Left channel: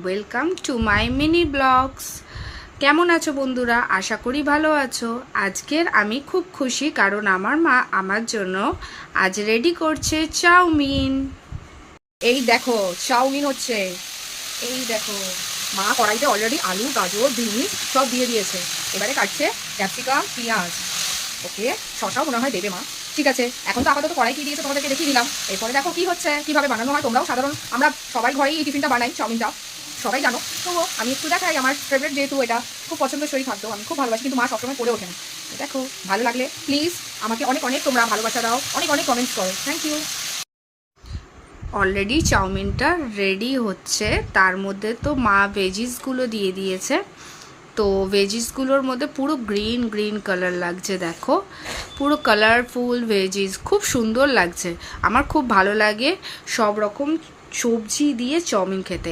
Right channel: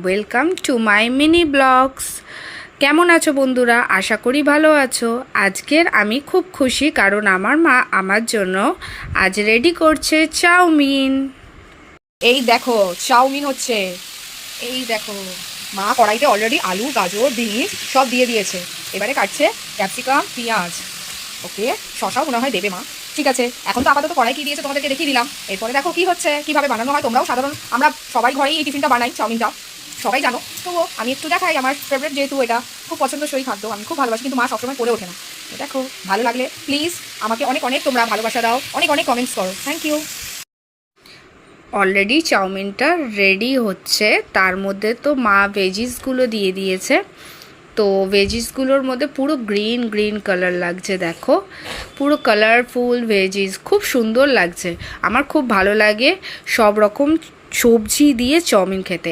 Welcome to my mini blogs. কেমন আছো বন্ধুরা? আশা করি ভালো আছো। আজকের আমি খুব খুশি, কারণ আমার মা আমার জন্য আজ রেডি করছে চাউমিন। এই দেখো চাউমিন হচ্ছে। এই দেখো মা কড়াইতে অলরেডি আলু, গাজর, বিনস সব দিয়ে দিয়েছে। এবারে কাটছে ক্যাপসিকাম, পেঁয়াজ। ওকে, শসাও মনে হয় দেবে মা। ঠিক আছে, এখন তো আপাতত কড়াই কি দিয়েছে তোমাদেরকে দেখিয়ে দিলাম। এরপরে দেখো কি হচ্ছে, কিভাবে বানানো হয়। তোমরাও আমরা সবাই ঘরেই এই টিফিনটা বানাই, চাউমিনটা সবাই জানো। তবুও আমি একটু দেখাই, আমার ফেভারিট যেহেতু এটা খুব পছন্দসই খাদ্য, আমি খুব ভালোবাসি, কিন্তু মা সবসময় করে ওঠে না। দেখো, ভালো লাগলে প্লিজ আমাকে অনেক অনেক তোমরা ভালোবাসা দাও, অনেক অনেক কমেন্টস করো। Thank you. অলরেডি চাউমিনটা রেডি হচ্ছে, তার মধ্যে তো মা ভেজিসগুলো দিয়ে দিয়েছে। তো ভেজিসগুলোর মধ্যে পুরো গ্রিন গ্রিন কালার লাগছে, দেখো পুরো কালারফুল ভেজিস, খুব সুন্দর লাগছে। আমার খুব ভালো লাগে সব রকম সবজি দিয়ে চাউমিন খেতে।